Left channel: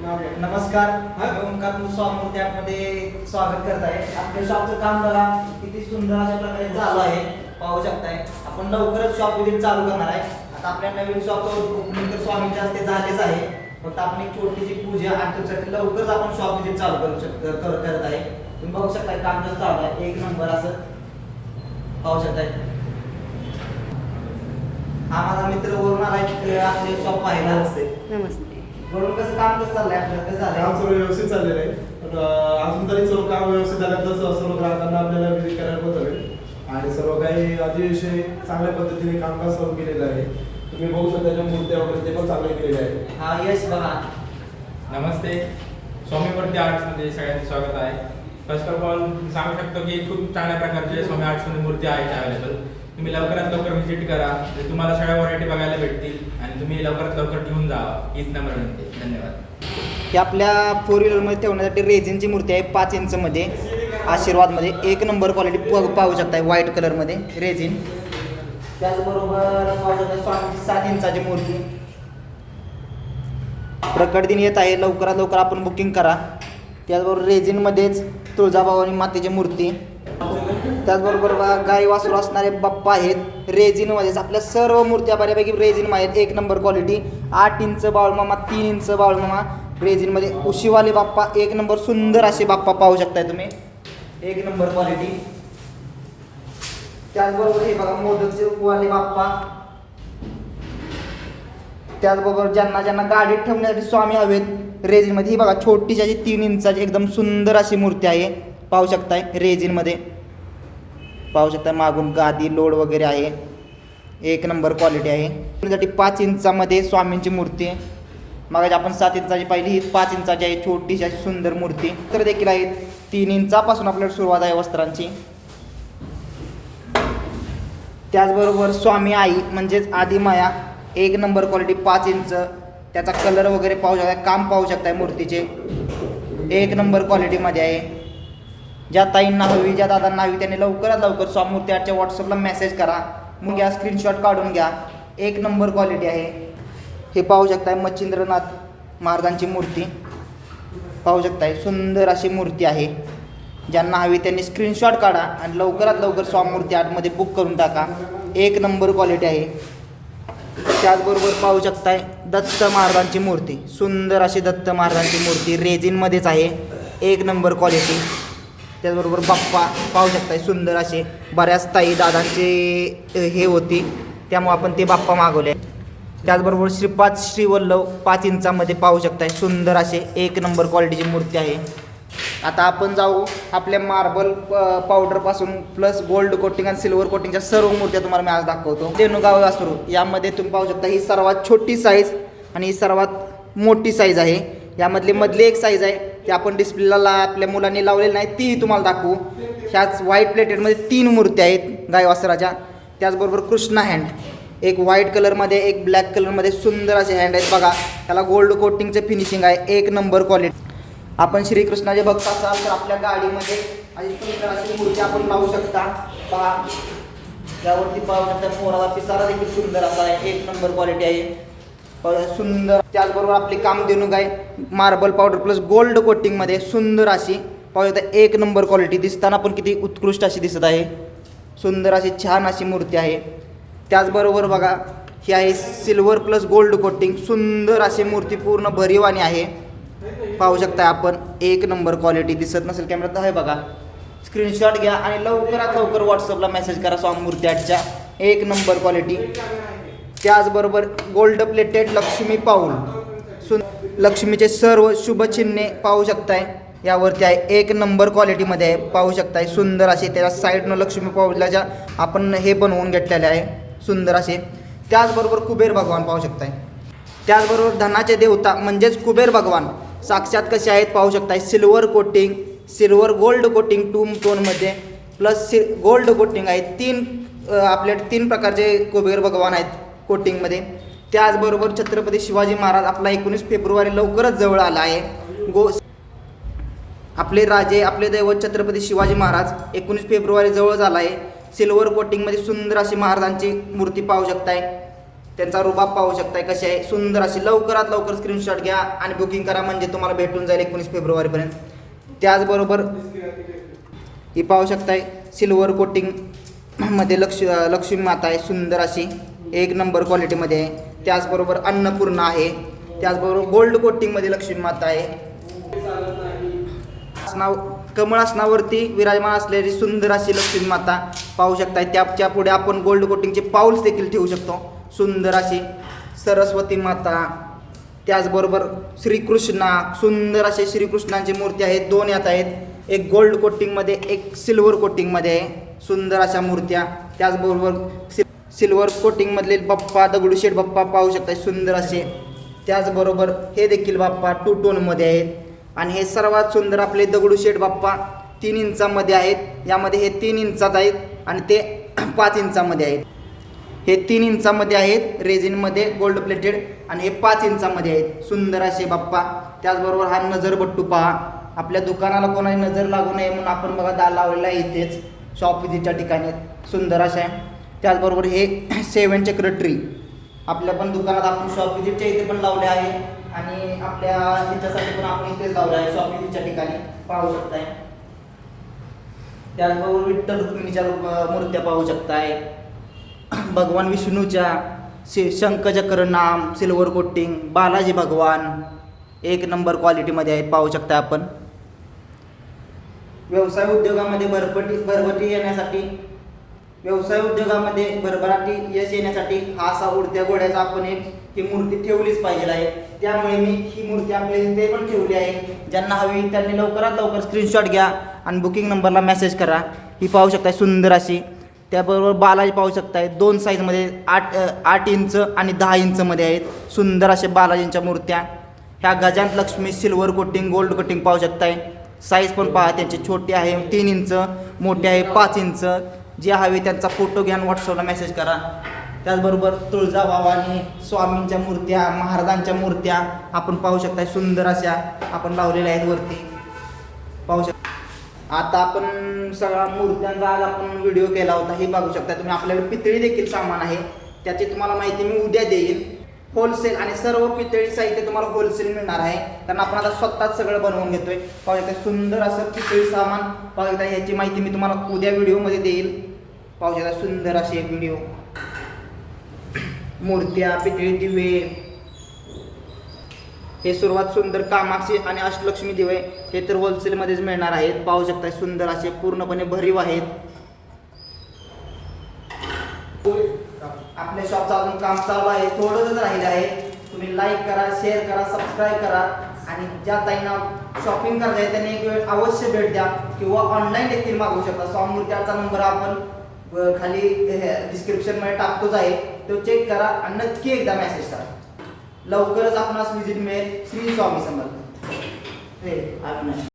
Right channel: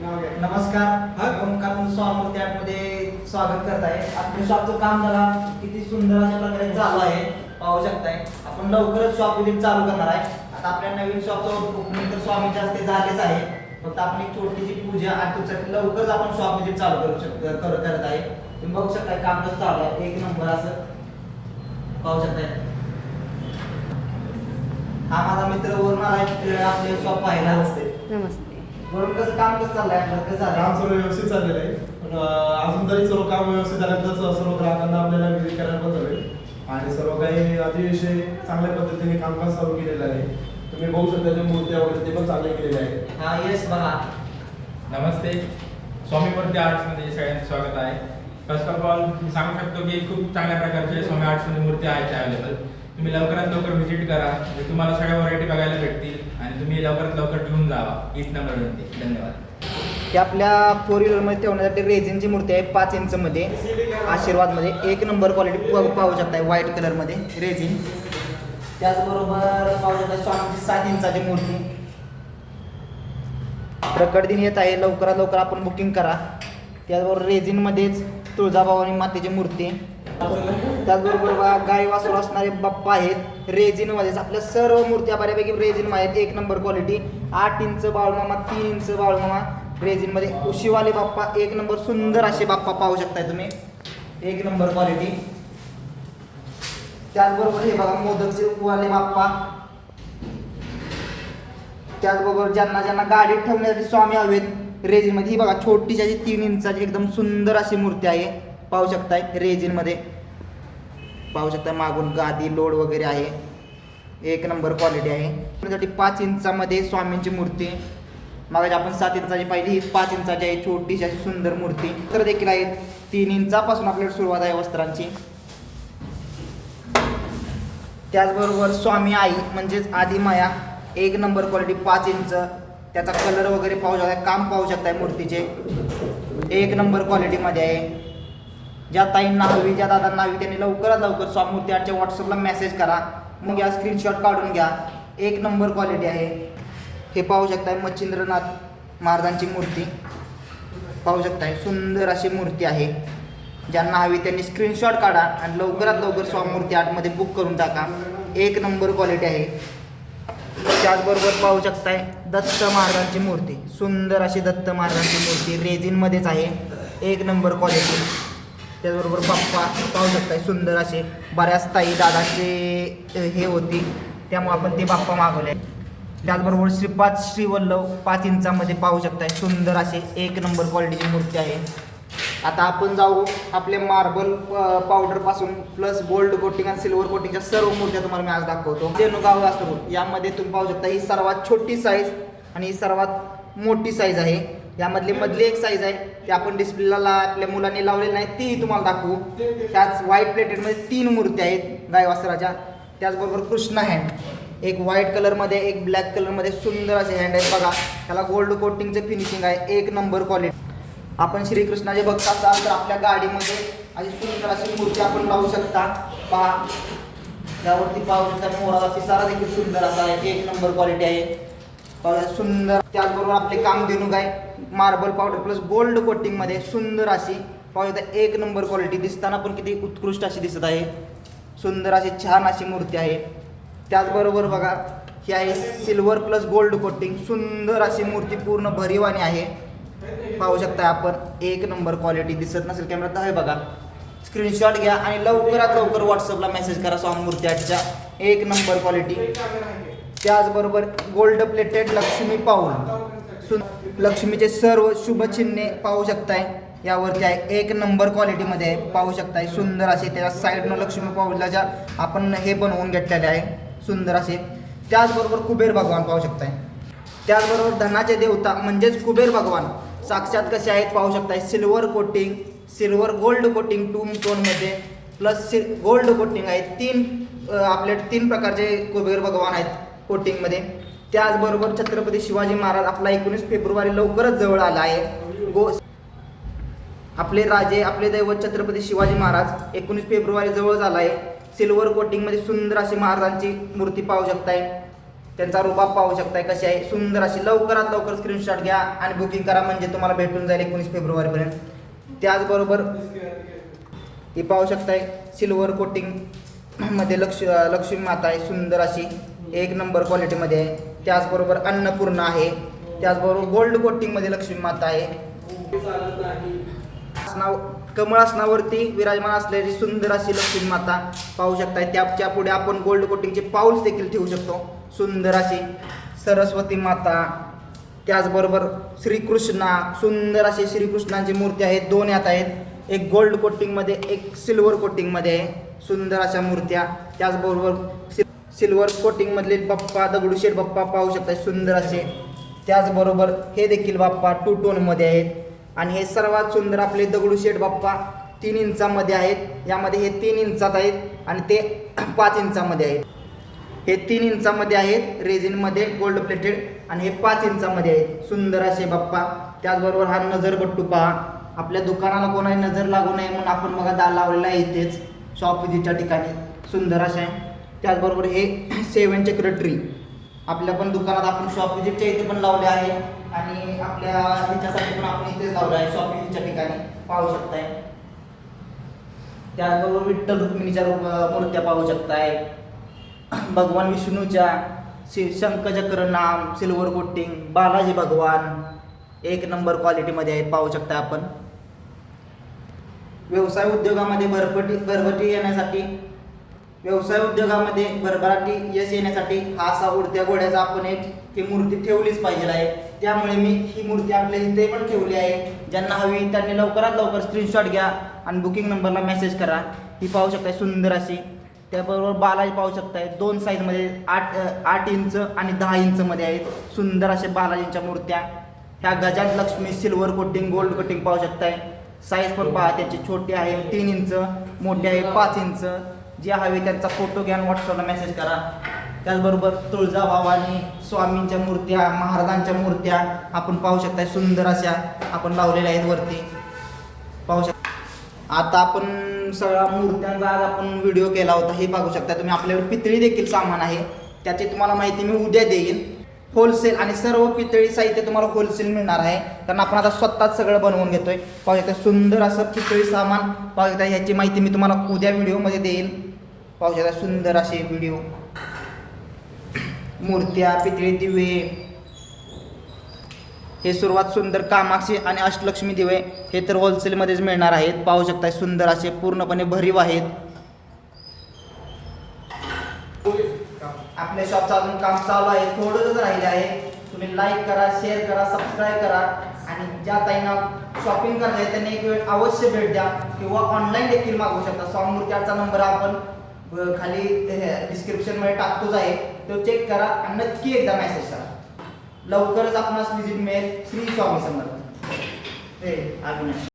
नमस्कार. ओंकार स्वामी मध्ये स्वागत करत आहे आपल्या शॉपचं काम बघा किती सुंदर अशा प्रकारे चालू आहे. पाहू शकताय. आपण लवकरच शॉप विजिट चालू करणार आहे. आता आपल्या नवीन शॉपचं ओपनिंग तर स्वामींच्या हस्ते झालेच आहे. फक्त आपण एक छोटीशी पूजा आणि त्याच्यासाठी लवकरच आपण शॉप विजिट चालू करू शकतो कर- करत आहे. तुम्ही बघू शकताय काम कसं चालू आहे. एक नंबर असं. पाहू शकताय. हा माझा मित्र वरून आला आपले शॉप पाहायला. असते नमस्ते. वरून कसं काम कसं चाललंय आपलं? कसं झालं काम सर्व व्यवस्थित चाललेलं आहे. पण अं, अजून तरी सर्व काम व्यवस्थित झालं तर स- सर्व ग्राहकांना आपल्याला विजिट करायला पण जमेल. आणि सर्व काही अतिशय चांगल्या पद्धतीने कामकाज चालू केलेलं आहे. तुम्ही बघू शकता त्या मूर्त्या वगैरे ते पण चांगले केलेले आहे हा यस बघा. नमस्ते. स्वामीवरती आर्ट्समध्ये सगळ्यांचे स्वागत आहे. फर्स्ट ऑफ ऑल मी सांगू शकतो की खूप चांगल्या प्रकारचे स्वामी आर्ट्समध्ये मूर्ती आहेत अवेलेबल तुम्ही लवकरात लवकर व्हिजिट करा. म्हणजे तुम्हाला सगळ्या व्हरायटी बघायला भेटतील. आणि तुम्ही लवकरात लवकर घेऊन जावा हीच नंबर विनंती धन्यवाद. ही आपल्या फोर व्हीलरमध्ये ठेवण्यासाठी रेझिनची मूर्ती आहे पाच इंचमध्ये आशीर्वादमध्ये एक नंबर क्वालिटी पाहू शकताय व्हाईट कलरमध्ये रेझिन. त्याचबरोबर पाहू शकता स्वामीची सात इंचाची मूर्ती. प्रकट दिन येत आहे. लवकरात लवकर आपण बुकिंग करा. त्याचबरोबर रेझिनमध्येच तुळजाभवानी मातेची मूर्ती. त्याचबरोबर गाई वासरू असणारे बाप्पा आहेत. रेझिनमध्येच आपल्या सर्व मूर्त्या बऱ्यापैकी रेझिन आहेत. एक नंबर क्वालिटी आठ इंच बाळमामा तीन इंच बाळमामा. रेझिनमध्ये उशीवाले बाप्पा एक नंबर सुंदर असे बाप्पा पाहू शकताय तुम्ही. एक नंबर क्वालिटी त्याचबरोबर हे बघा मोदकचे वाले बाप्पा. त्याचबरोबर ज्यांना ज्यांना गाडीत ठेवण्यासाठी स्वामी हवेत रेझिनमध्ये ही बघा छोटीशी अशी तीन इंचाची एकदम सुंदर अशी मूर्ती आहे. पाहू शकताय रेझिनमध्ये. पाहू शकता मागून गादी लोड वगैरे आहे. एक नंबर क्वालिटी आहे. त्यासाठी पाच इंचामध्ये स्वामींची मूर्ती आहे. मागाची आपण सात इंचाची पाहिली ही पाच इंचाची आहे छोटीशी अशी सुंदर मूर्ती. तर देखील आहे तीन इंचापासून आपल्याला सुरुवात आहे वस्त्रांची. त्याचबरोबर स्वामी आई म्हणजेच आदिमाया एक नंबर क्वालिटी पाच इंच. त्याचा कलर वगैरे पाहू शकता काम पाहू शकताय मूर्तीचे. एक नंबर क्वालिटीमध्ये आहे. ज्या ताईंना हवी ज्या दादांना हवी त्यांनी लवकरात लवकर स्वामूर्ती मूर्ती व्हॉट्सअपला मेसेज करा. मग घ्या स्क्रीनशॉट काढून घ्या. एक नंबर क्वालिटी आहे. हे पाहू शकताय मच्छिंद्रनाथ महाराजांची मूर्ती. पाहू शकताय. सुंदर अशी मूर्ती आहे. ज्यांना हवी त्यांनी स्क्रीनशॉट काढा आणि लवकरात लवकर स्वामूर्ती आर्टमध्ये बुक करून टाका. एक नंबर क्वालिटी आहे. त्याचबरोबर पाहू शकताय दत्त महाराजांची मूर्ती. सुंदर अशी दत्त महाराजांची मूर्ती रेझिनमध्येच आहे. एक नंबर क्वालिटी त्याचबरोबर बाप्पा पाहू शकताय सुंदर असे बऱ्याच ताई दादांचे हे होती. त्यामुळे आपण ते बाप्पा मागवले. त्याचबरोबर श्रीपाद श्रीवल्लभ पाच इंचामध्ये पाहू शकताय सुंदर असे एक नंबर क्वालिटीची मूर्ती आहे. आता आपण जाऊ आपल्या मार्बल पावडरपासून प्लस गोल्ड कोटिंग आणि सिल्वर कोटिंगच्या सर्व मूर्त्या तुम्हाला मी आज दाखवतो. रेणुगाव वासरू यामध्ये तुम्ही पाहू शकता ही सर्वात छोटी साईज आणि ही सर्वात मोठी साईज आहे. यामधली मधली एक साईज आहे की आपण डिस्प्लेला ला आपल्या मुलांनी लावलेली नाही तीही तुम्हाला दाखवू. ह्याच व्हाईट प्लेटेडमध्ये तीन मूर्त्या आहेत गाय वासराच्या. त्याचबरोबर कृष्णा हँड एक व्हाईट कलरमध्ये एक ब्लॅक कलरमध्ये सुंदर असे हँड आहेत बघा. त्याला गोल्ड कोटिंगचं फिनिशिंग आहे एक नंबर क्वालिटी आपण श्रीकृष्णाचे भक्त असाल तर आपल्या गाडीमध्ये अशी सुंदर अशी मूर्ती आपण लावू शकता. पहा. त्यावरती पाहू शकता मोराला पिसारा देखील सुंदर असा आहे एक नंबर क्वालिटी आहे. सुंदर त्याचबरोबर आपले कामधेनू आहे मार्बल पावडर प्लस गोल्ड कोटिंगमध्ये सुंदर अशी पाहू शकता एक नंबर क्वालिटी दिसताना पण किती उत्कृष्ट अशी दिसत आहे. सुंदर अशी छान अशी मूर्ती आहे. त्याचबरोबर बघा ही आहे सिल्वर प्लस गोल्ड कोटिंग सुंदर अशी मूर्ती पूर्ण भरीवानी आहे. पाहू शकता आपण एक नंबर क्वालिटी दिसत नसेल कॅमेऱ्यात आहे बघा. स्क्रीनशॉट घ्या आणि लवकरात लवकर व्हॉट्सअपला मेसेज करा स्वामी मूर्ती आजच्या एक नंबर क्वालिटी त्याचबरोबर गोल्ड प्लेटेड लक्ष्मी पाऊल. सु लक्ष्मीचे सर्व शुभचिन्हे पाहू शकताय. यावरती आहे एक नंबर क्वालिटीमध्ये आहे पाहू शकताय. सुंदर असे त्याच्या साईडनं लक्ष्मी पाऊलाच्या आपण हे बनवून घेतलेले आहे सुंदर असे. त्याचबरोबर कुबेर भगवान पाहू शकताय. त्याचबरोबर धनाचे देवता म्हणजेच कुबेर भगवान. साक्षात कसे आहेत पाहू शकताय. Silver coating silver gold coating two टोनमध्ये plus सि गोल्ड कोटिंग आहे. तीन आपले आपल्या तीन प्रकारचे कुबेर भगवान आहेत. कोटिंगमध्ये. त्याचबरोबर छत्रपती शिवाजी महाराज आपला एकोणीस फेब्रुवारी लवकरच जवळ आला आहे. गो आपले राजे आपले दैवत छत्रपती शिवाजी महाराज एकोणीस फेब्रुवारी जवळ झाला आहे. सिल्वर कोटिंगमध्ये सुंदर अशी महाराजांची मूर्ती पाहू शकताय. त्यांचा रुबाब पाहू शकताय कशी आहे. सुंदर अशी लवकरात लवकर स्क्रीनशॉट घ्या आणि बुकिंग करा म्हणजे तुम्हाला भेटून जाईल एकोणीस फेब्रुवारीपर्यंत. त्याचबरोबर ही पाहू शकताय सिल्वर कोटिंगमध्ये लक्ष लक्ष्मी माता आहे. सुंदर अशी एक नंबर क्वालिटीमध्ये आहे. त्याचबरोबर अन्नपूर्णा आहे. त्याचबरोबर गोल्ड कोटिंगमध्ये लक्ष्मी माता आहे. आसनाव कमळ विराजमान असलेली सुंदर अशी लक्ष्मी माता पाहू शकताय. त्याच्या पुढे आपण गोल्ड कोटिंगचे पाऊल्स देखील ठेवू शकतो. सुंदर अशी सरस्वती माता. त्याचबरोबर श्रीकृष्णा सुंदर असे श्रीकृष्णांची मूर्ती आहेत दोन यात आहेत. एक गोल्ड कोटिंगमध्ये एक सिल्वर कोटिंगमध्ये आहे. सुंदर अशा मूर्त्या. त्याचबरोबर सिल्वर कोटिंगमधले बाप्पा दगडूशेठ बाप्पा पाहू शकता सुंदर असे. त्याचबरोबर हे देखील बाप्पा टू टोनमध्ये आहेत. आणि हे सर्वात सुंदर आपले दगडूशेठ बाप्पा तीन इंचामध्ये आहेत. यामध्ये हे तीन इंचात आहेत आणि ते पाच इंचामध्ये आहेत. हे तीन इंचामध्ये आहेत रेझिनमध्ये गोल्ड प्लेटेड आणि हे पाच इंचामध्ये आहेत. सुंदर असे बाप्पा. त्याचबरोबर हा नजरबट्टू पहा. आपल्या दुकानाला कोणाला नजर लागू नये म्हणून आपण बघा दाल लावलेला आहे इथेच. शॉप विधीच्या ठिकाणी. सुंदर असे. आहे त्याचबरोबर हे सेवन चक्र ट्री. आपल्या पण दुकानात आपण शॉप विजिटच्या इथे पण लावले आहे. आणि आपल्या ह्याच्यासाठी पण आपण इथेच लावले आहे. शॉप विजिटच्या ठिकाणी पाहू शकताय. त्याचबरोबर विठ्ठल रुक्मिणीच्या मूर्त्या पाहू शकताय. भगवान विष्णूच्या शि शंखचक्र नाम सिल्वर कोटिंग बालाजी भगवान. एक नंबर क्वालिटीमध्ये आहे पाहू शकता आपण. व्यवसाय उद्योगामध्ये भरपटी भरभटी येण्यासाठी व्यवसाय उद्योगामध्ये भरभराटी यश येण्यासाठी हा असा उडत्या घोड्याचा आपण एक ही मूर्ती ठेवलीच पाहिजे आहे. त्यामुळे मी ही मूर्ती आपल्या इथे पण ठेवली आहे. ज्यांना हवी त्यांनी लवकरात लवकर स्क्रीनशॉट घ्या आणि बुकिंग नंबरला मेसेज करा. ही पाहू शकताय सुंदर अशी. त्याबरोबर बालाजी पाहू शकताय. दोन साईजमध्ये आठ आठ इंच आणि दहा इंचमध्ये आहेत. सुंदर अशा बालाजींच्या मूर्त्या. ह्या गजान Lakshmi silver coating gold coating पाहू शकताय. साईज पण पहा त्यांची छोटी आहे तीन इंच मोठी आहे पाच इंच. जे हवे त्यांचा फोटो घ्या व्हॉट्सअपला मेसेज करा. त्याचबरोबर तुळजाभवानी स्वामींच्या मूर्त्या महाराजांच्या मूर्त्या आपण पाहू शकता सुंदर अशा आपण लावलेल्या आहेत वरती. पाहू शकता आता आपण सगळ्या मूर्त्यांचा आज आपण व्हिडिओ केला होता. हे पाहू शकता तुम्ही आपल्याकडे पितळी देखील सामान आहे. त्याची तुम्हाला माहिती मी उद्या देईल होलसेल आणि सर्व पितळी साहित्य तुम्हाला होलसेल मिळणार आहे. कारण आपण आता स्वतःच सगळं बनवून घेतोय. पाहू शकता सुंदर असं पितळी सामान. पाहू शकता ह्याची माहिती मी तुम्हाला उद्या व्हिडिओमध्ये देईल. पाहू शकता सुंदर असे व्हिडिओ. मूर्त्या पितळी दिवे. हे सुरुवात सुंदर कामाक्षी आणि अष्टलक्ष्मी दिवे हे तर होलसेलमध्येच मिळणार आहेत. पाहू शकता सुंदर असे पूर्णपणे भरीव आहेत. आपल्या शॉपचं अजून काम चालू आहे थोडंच राहिलं आहे. तुम्ही लाईक करा शेअर करा सबस्क्राईब करा. आणि ज्या ताईंना शॉपिंग करता आहे त्यांनी एक वेळ अवश्य भेट द्या. किंवा ऑनलाईन देखील मागवू शकता. स्वामूर्त्याचा नंबर आपण खाली डिस्क्रिप्शनमध्ये टाकतोच आहे. तो चेक करा आणि नक्की एकदा मेसेज करा. लवकरच आपणास विजिट मिळेल श्री स्वामी समर्थ. हे अविनाश.